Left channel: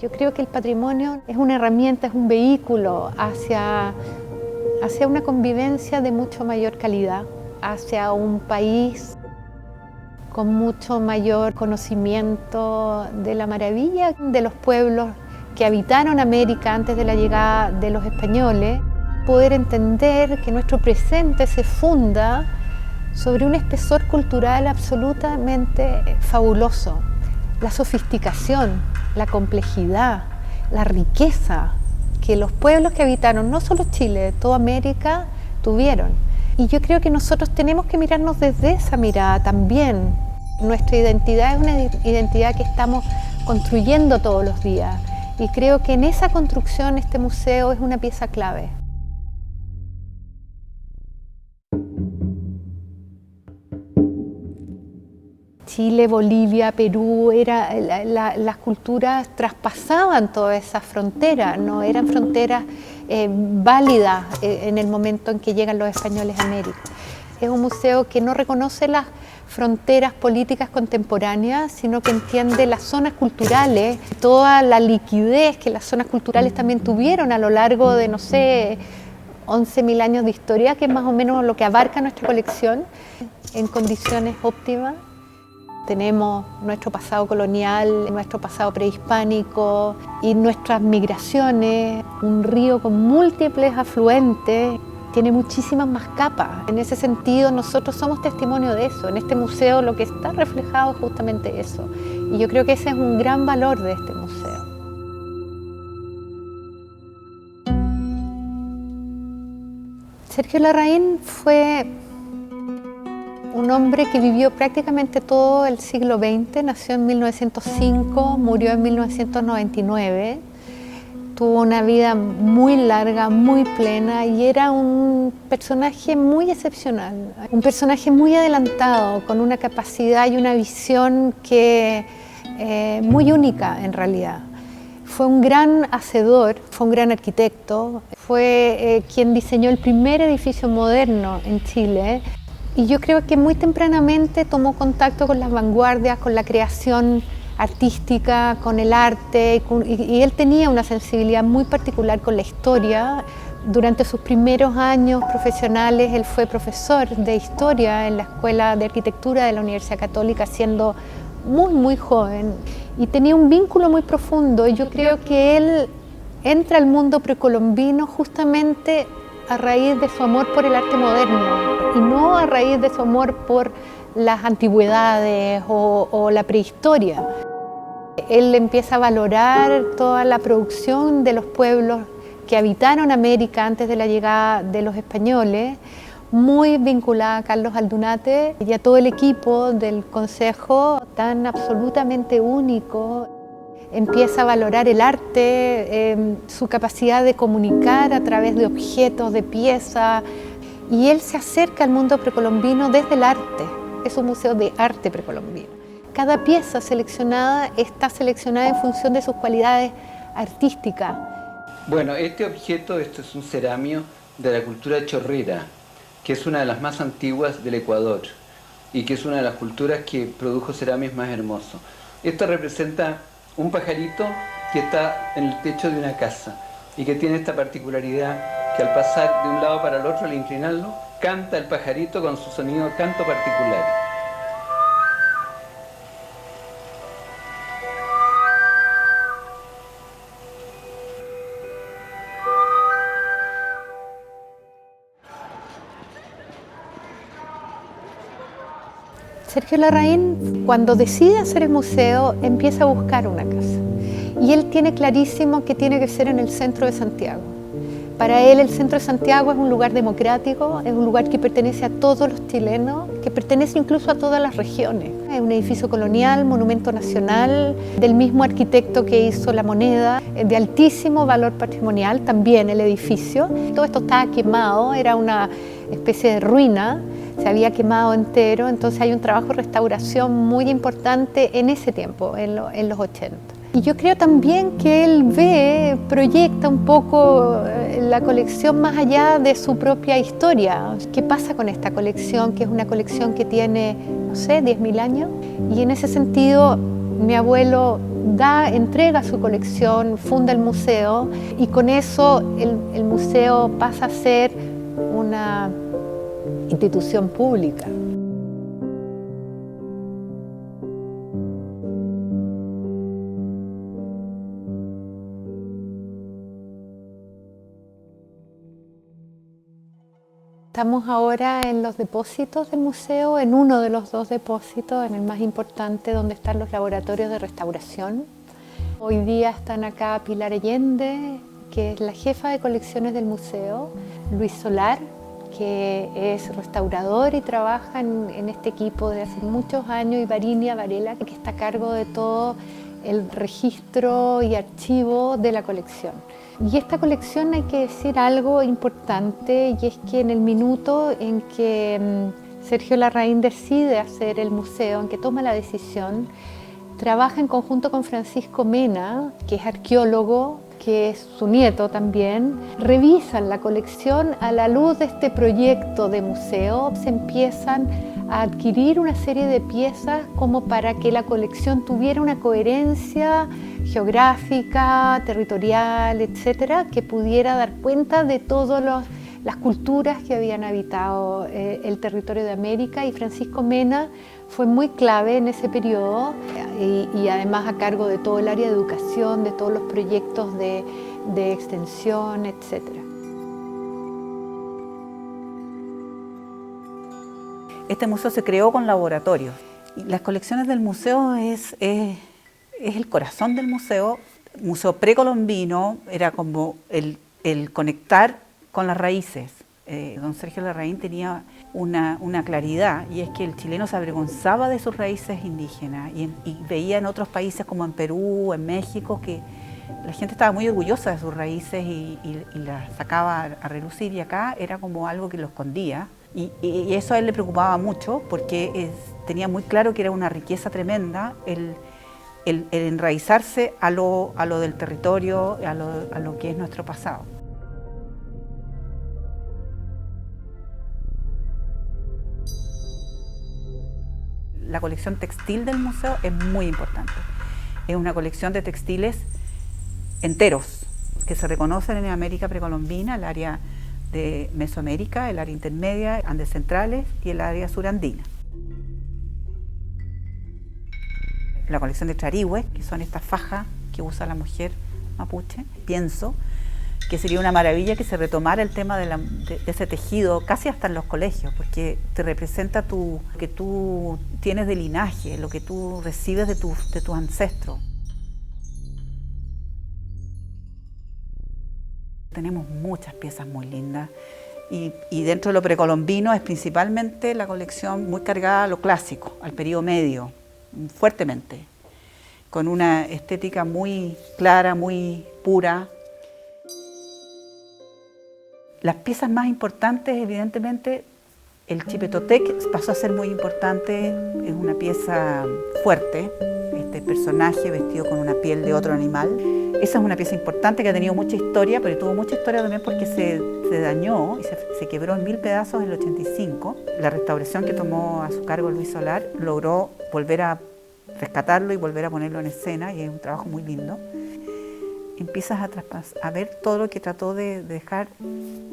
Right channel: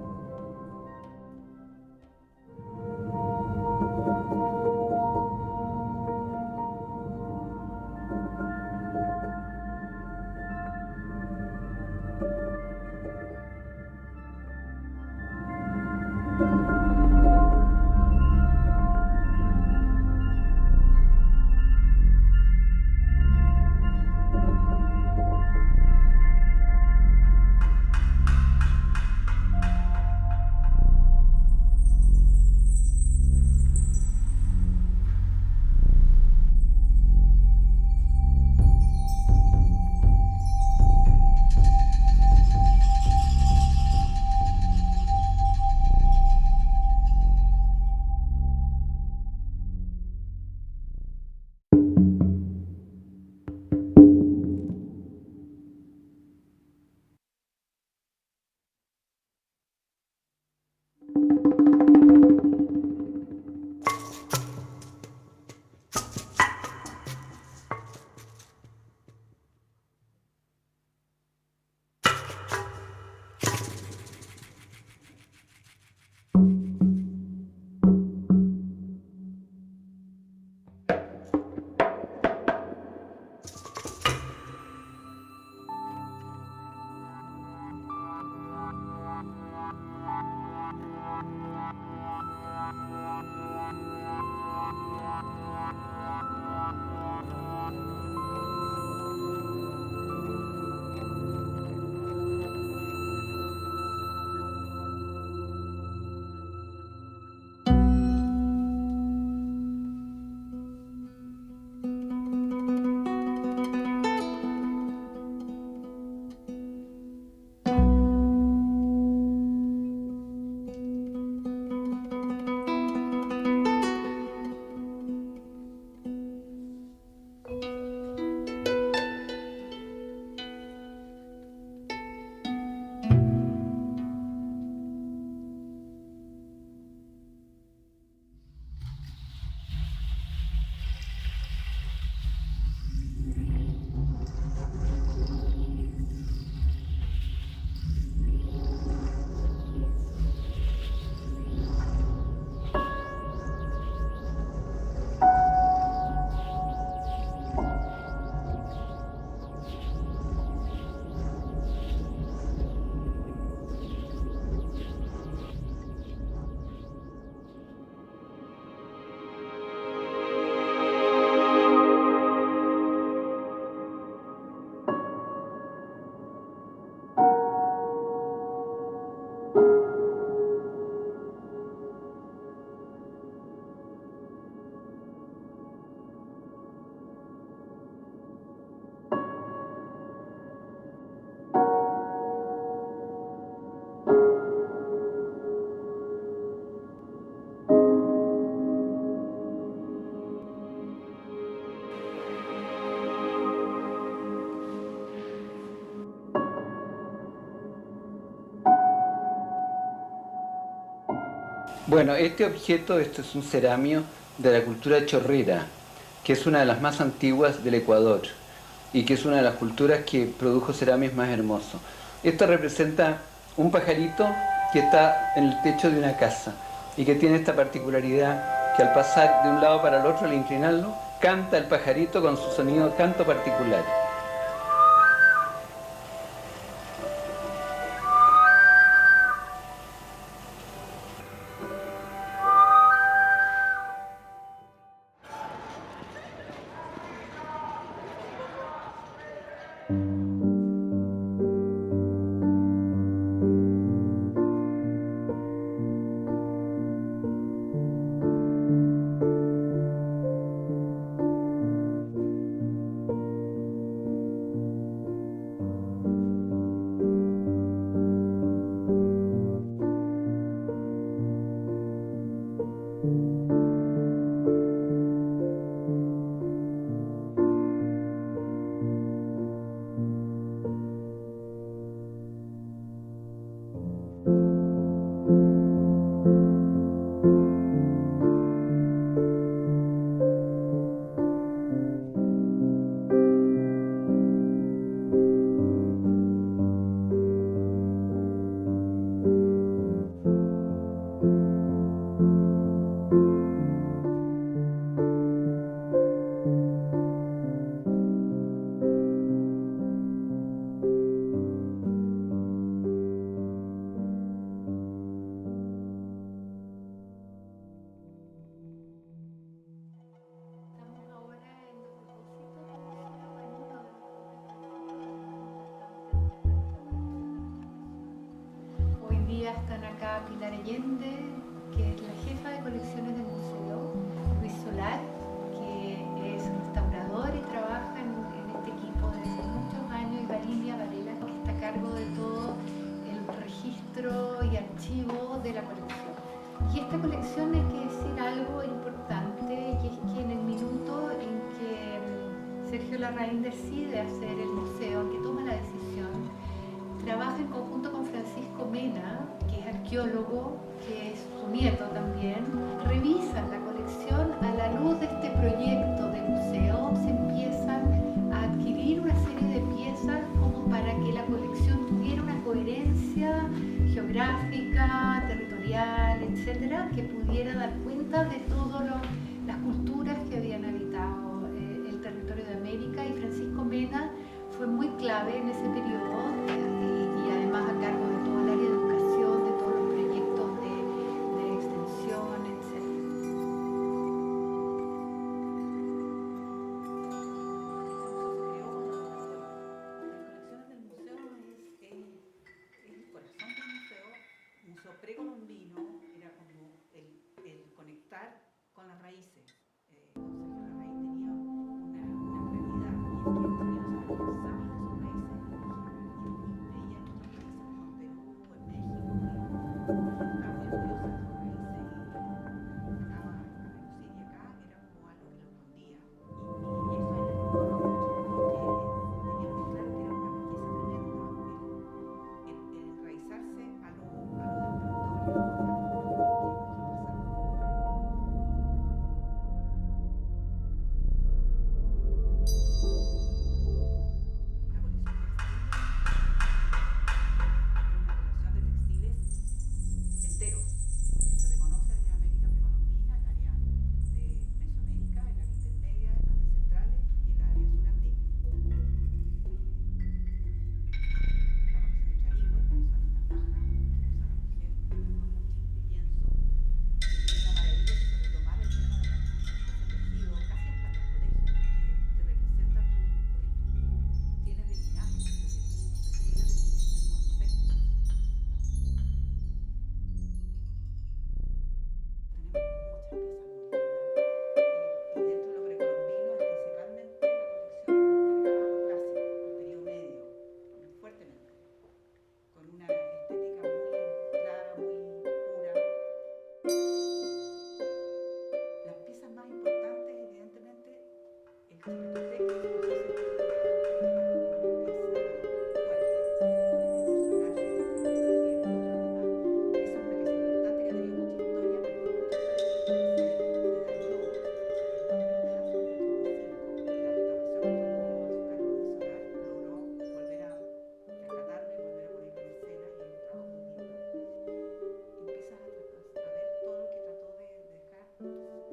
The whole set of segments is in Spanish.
Yo creo que el patrimonio es una herramienta, es un vehículo hacia una convivencia de mucho mayor calidad, hacia un país con mucho mayor conocimiento de la maravilla de los pueblos que habitaron América antes de la llegada de los españoles, poder entender que nuestro presente se funda sobre un espesor cultural absolutamente fabuloso, la sofisticación, la complejidad, la riqueza que los pueblos que habitaron, no solo Chile, toda América, tuvieron. Y yo creo que nosotros tenemos que mirarnos desde esa mirada también. Nuestra identidad es una identidad que estamos construyendo todos los días. Y creo que en esa construcción este museo es una pieza clave. Chile, Bolivia, Perú, las culturas traspasaban todas esas fronteras, no eran fronteras válidas en el momento en que llegan los españoles a América. Es un museo que no reconoce las fronteras políticas contemporáneas, sino que entiende las zonas culturales, toda la liquidez que las zonas culturales también tuvieron a lo largo de, no sé, 11.000 años de historia, que es más o menos lo que abarca nuestra colección, en condiciones óptimas. Tenemos nuestro pasado colonial, nuestro pasado prehispánico y nuestras migraciones, un río con múltiples afluentes, tiene muchísimas más capas. En ese sentido, nosotros somos testimonio de eso. En este museo lo que está reflejado es justamente eso. Y yo creo que ese es un gran valor de este museo. Sergio Larraín fue un hombre que vivió prácticamente todo el siglo XX, nació en 1905, murió en 1999, tuvo una vida muy larga, muy plena y era un personaje muy excepcional, un personaje muy adelantado, con una capacidad y una visión muy única en realidad. Fue un gran hacedor, fue un gran arquitecto, fue quien diseñó el primer edificio moderno en Chile. Y yo creo que muy tempranamente tomó contacto con las vanguardias, con la creación artística, con el arte, y él tenía una sensibilidad muy particular con la historia. Durante sus primeros años profesionales, él fue profesor de historia en la Escuela de Arquitectura de la Universidad Católica, siendo muy joven, y tenía un vínculo muy profundo. Yo creo que él entra al mundo precolombino justamente a raíz de su amor por el arte moderno y no a raíz de su amor por las antigüedades o la prehistoria. Él empieza a valorar toda la producción de los pueblos que habitaron América antes de la llegada de los españoles, muy vinculada a Carlos Aldunate y a todo el equipo del Consejo, tan absolutamente único. Empieza a valorar el arte, su capacidad de comunicar a través de objetos, de piezas, y él se acerca al mundo precolombino desde el arte. Es un museo de arte precolombino. Cada pieza seleccionada está seleccionada en función de sus cualidades artísticas. Bueno, este objeto, esto es un ceramio de la cultura chorrera, que es una de las más antiguas del Ecuador y que es una de las culturas que produjo ceramios más hermosos. Esto representa un pajarito que está en el techo de una casa y que tiene esta particularidad que al pasar de un lado para el otro, al inclinarlo, canta el pajarito con su sonido canto particular. Sergio Larraín, cuando decide hacer el museo, empieza a buscar una casa. Y él tiene clarísimo que tiene que ser en el centro de Santiago. Para él, el centro de Santiago es un lugar democrático, es un lugar que pertenece a todos los chilenos, que pertenece incluso a todas las regiones. Es un edificio colonial, monumento nacional, del mismo arquitecto que hizo La Moneda, de altísimo valor patrimonial, también el edificio. Todo esto estaba quemado, era una especie de ruina, se había quemado entero, entonces hay un trabajo de restauración muy importante en ese tiempo, en los 80. Y yo creo también que él proyecta un poco la colección más allá de su propia historia. ¿Qué pasa con esta colección? Que es una colección que tiene, no sé, 10.000 años. Y en ese sentido, mi abuelo entrega su colección, funda el museo y con eso el museo pasa a ser una institución pública. Estamos ahora en los depósitos del museo, en uno de los dos depósitos, en el más importante, donde están los laboratorios de restauración. Hoy día están acá Pilar Allende, que es la jefa de colecciones del museo, Luis Solar, que es restaurador y trabaja en este equipo de hace muchos años, y Varinia Varela, que está a cargo de todo el registro y archivo de la colección. Y esta colección, hay que decir algo importante, y es que en el minuto en que Sergio Larraín decide hacer el museo, en que toma la decisión, trabaja en conjunto con Francisco Mena, que es arqueólogo, que es su nieto también. Revisan la colección a la luz de este proyecto de museo. Se empiezan a adquirir una serie de piezas como para que la colección tuviera una coherencia geográfica, territorial, etcétera, que pudiera dar cuenta de todas las culturas que habían habitado el territorio de América, y Francisco Mena fue muy clave en ese periodo y además a cargo de todo el área de educación, de todos los proyectos de extensión, etcétera. Este museo se creó con laboratorios. Las colecciones del museo es el corazón del museo. Museo precolombino era como el conectar con las raíces. Don Sergio Larraín tenía una claridad, y es que el chileno se avergonzaba de sus raíces indígenas y veía en otros países como en Perú, en México, que la gente estaba muy orgullosa de sus raíces y las sacaba a relucir, y acá era como algo que lo escondía. Y eso a él le preocupaba mucho, porque tenía muy claro que era una riqueza tremenda el enraizarse a lo del territorio, a lo que es nuestro pasado. La colección textil del museo es muy importante. Es una colección de textiles enteros que se reconocen en América precolombina, el área de Mesoamérica, el área intermedia, Andes centrales y el área surandina. La colección de Charihue, que son estas fajas que usa la mujer mapuche, pienso que sería una maravilla que se retomara el tema de ese tejido casi hasta en los colegios, porque te representa lo que tú tienes de linaje, lo que tú recibes de tus ancestros. Tenemos muchas piezas muy lindas, y dentro de lo precolombino es principalmente la colección muy cargada a lo clásico, al periodo medio, fuertemente, con una estética muy clara, muy pura. Las piezas más importantes, evidentemente, el Chipetotec pasó a ser muy importante, es una pieza fuerte, este personaje vestido con una piel de otro animal. Esa es una pieza importante que ha tenido mucha historia, pero tuvo mucha historia también porque se dañó y se quebró en 1000 pedazos en el 85. La restauración que tomó a su cargo Luis Solar logró volver a rescatarlo y volver a ponerlo en escena, y es un trabajo muy lindo. Empiezas a ver todo lo que trató de dejar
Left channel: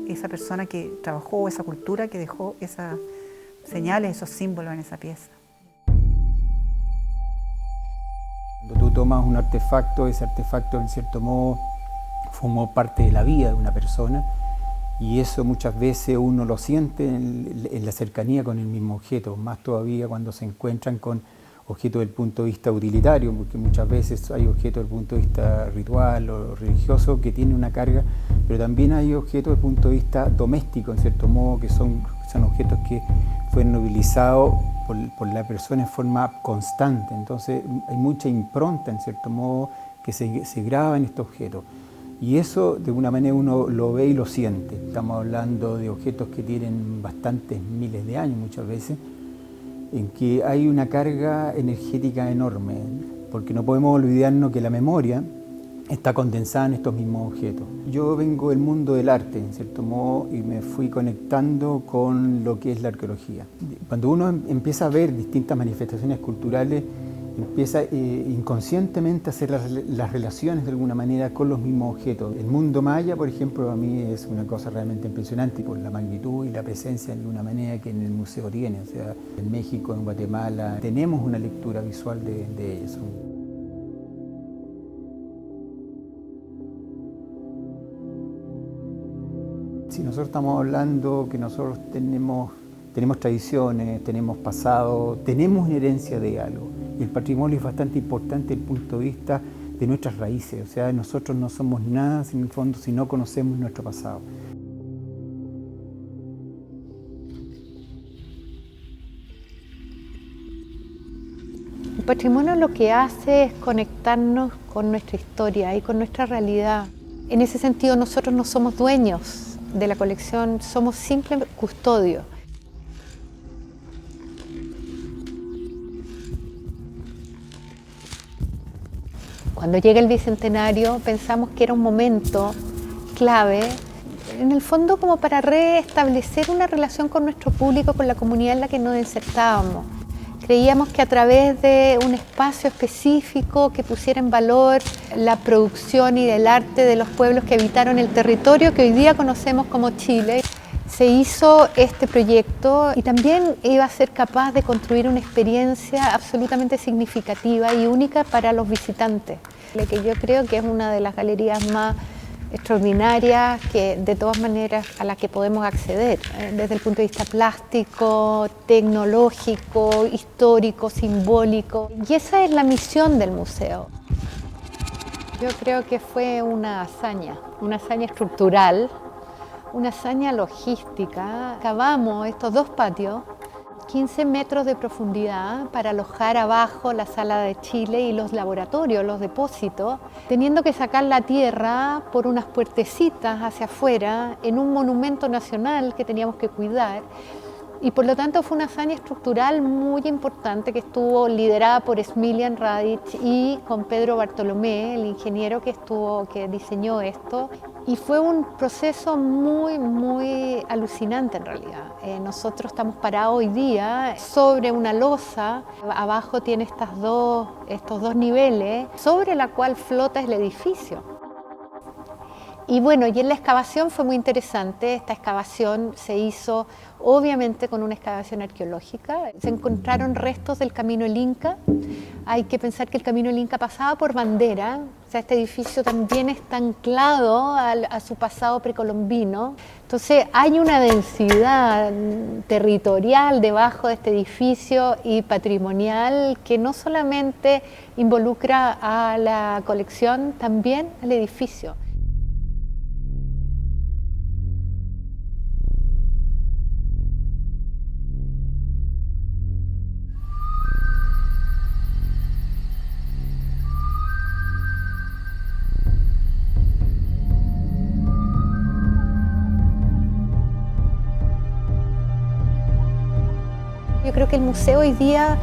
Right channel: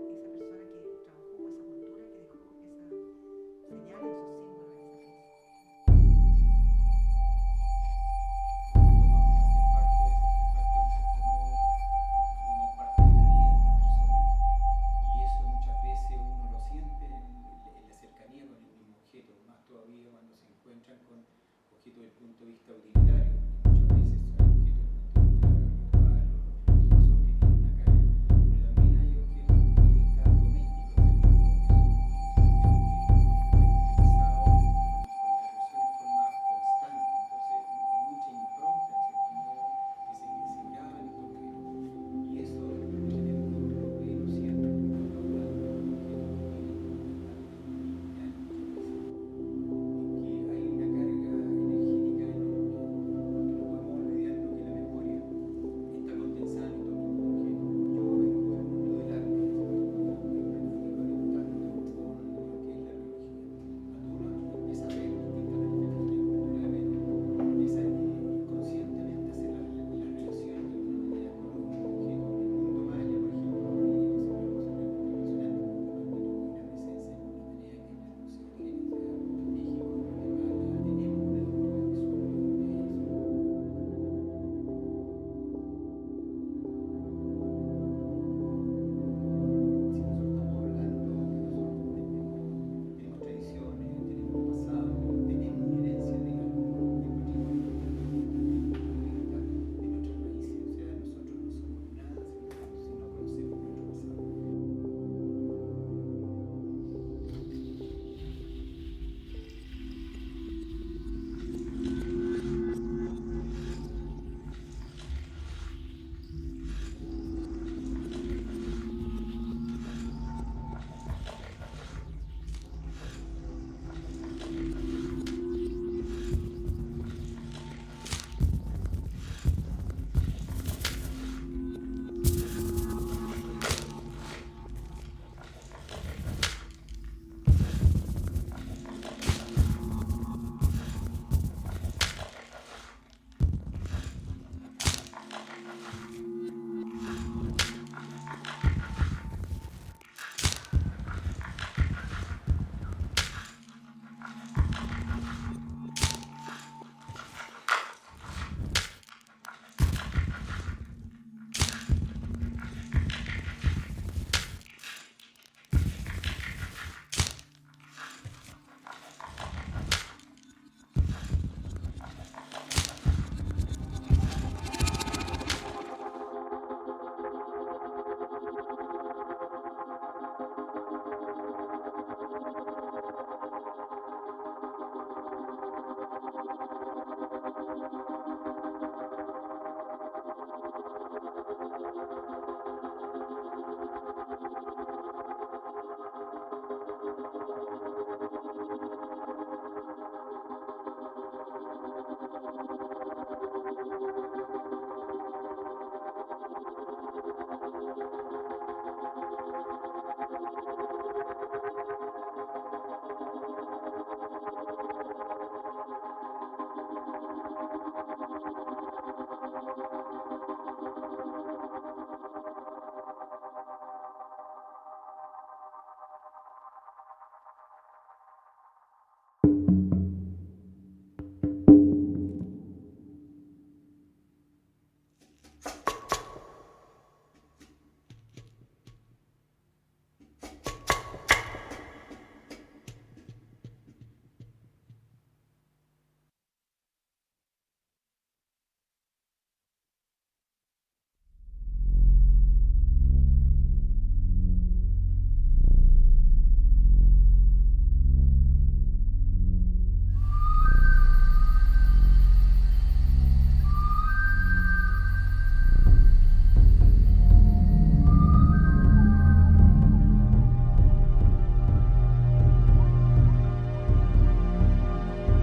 esa persona que trabajó, esa cultura que dejó esas señales, esos símbolos en esa pieza. Cuando tú tomas un artefacto, ese artefacto en cierto modo formó parte de la vida de una persona, y eso muchas veces uno lo siente en la cercanía con el mismo objeto, más todavía cuando se encuentran con objetos del punto de vista utilitario, porque muchas veces hay objetos del punto de vista ritual o religioso que tienen una carga, pero también hay objetos del punto de vista doméstico, en cierto modo, que son objetos que fueron movilizados por la persona en forma constante. Entonces hay mucha impronta, en cierto modo, que se graba en estos objetos. Y eso, de alguna manera, uno lo ve y lo siente. Estamos hablando de objetos que tienen bastantes miles de años muchas veces, en que hay una carga energética enorme, porque no podemos olvidarnos que la memoria está condensada en estos mismos objetos. Yo vengo del mundo del arte, en cierto modo, y me fui conectando con lo que es la arqueología. Cuando uno empieza a ver distintas manifestaciones culturales, empieza inconscientemente a hacer las relaciones de alguna manera con los mismos objetos. El mundo maya, por ejemplo, a mí es una cosa realmente impresionante por la magnitud y la presencia de alguna manera que en el museo tiene. O sea, en México, en Guatemala, tenemos una lectura visual de eso. Si nosotros estamos hablando que nosotros tenemos tradiciones, tenemos pasado, tenemos una herencia de algo. Y el patrimonio es bastante importante desde el punto de vista de nuestras raíces. O sea, nosotros no somos nada en el fondo si no conocemos nuestro pasado. El patrimonio lo que hace es conectarnos con nuestra historia y con nuestra realidad. En ese sentido, nosotros no somos dueños de la colección, somos simples custodios. Cuando llega el Bicentenario pensamos que era un momento clave, en el fondo como para restablecer una relación con nuestro público, con la comunidad en la que nos insertábamos. Creíamos que a través de un espacio específico que pusiera en valor la producción y el arte de los pueblos que habitaron el territorio que hoy día conocemos como Chile, se hizo este proyecto y también iba a ser capaz de construir una experiencia absolutamente significativa y única para los visitantes. Lo que yo creo que es una de las galerías más extraordinarias que de todas maneras a la que podemos acceder, desde el punto de vista plástico, tecnológico, histórico, simbólico. Y esa es la misión del museo. Yo creo que fue una hazaña estructural, una hazaña logística. Cavamos estos dos patios, 15 metros de profundidad para alojar abajo la sala de Chile y los laboratorios, los depósitos, teniendo que sacar la tierra por unas puertecitas hacia afuera en un monumento nacional que teníamos que cuidar. Y por lo tanto fue una hazaña estructural muy importante que estuvo liderada por Smiljan Radic y con Pedro Bartolomé, el ingeniero que diseñó esto. Y fue un proceso muy alucinante en realidad. Nosotros estamos parados hoy día sobre una losa, abajo tiene estos dos niveles, sobre la cual flota el edificio. Y bueno, y en la excavación fue muy interesante. Esta excavación se hizo obviamente con una excavación arqueológica. Se encontraron restos del Camino del Inca. Hay que pensar que el Camino del Inca pasaba por Bandera. O sea, este edificio también está anclado a su pasado precolombino. Entonces hay una densidad territorial debajo de este edificio y patrimonial que no solamente involucra a la colección, también al edificio. Yo creo que el museo hoy día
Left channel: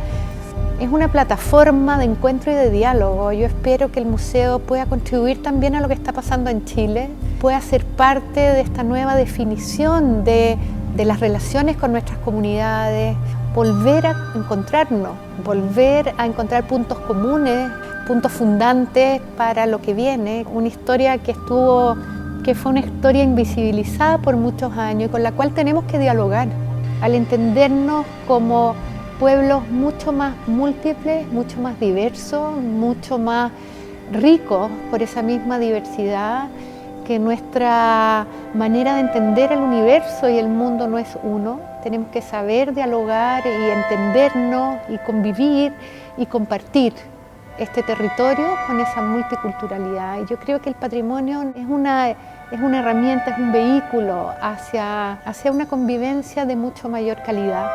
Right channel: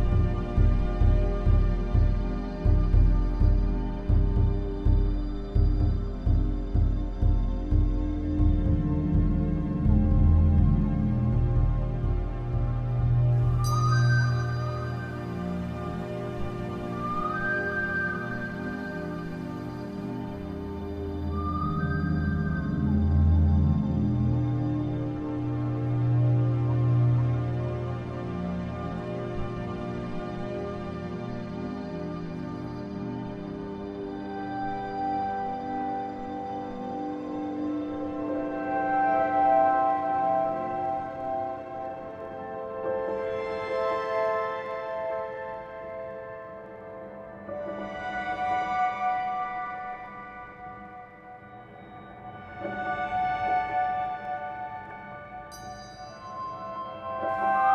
es una plataforma de encuentro y de diálogo. Yo espero que el museo pueda contribuir también a lo que está pasando en Chile, pueda ser parte de esta nueva definición de las relaciones con nuestras comunidades, volver a encontrarnos, volver a encontrar puntos comunes, puntos fundantes para lo que viene. Una historia que fue una historia invisibilizada por muchos años y con la cual tenemos que dialogar. Al entendernos como pueblos mucho más múltiples, mucho más diversos, mucho más ricos por esa misma diversidad, que nuestra manera de entender el universo y el mundo no es uno. Tenemos que saber dialogar y entendernos y convivir y compartir este territorio con esa multiculturalidad. Y yo creo que el patrimonio es una herramienta, es un vehículo hacia una convivencia de mucho mayor calidad.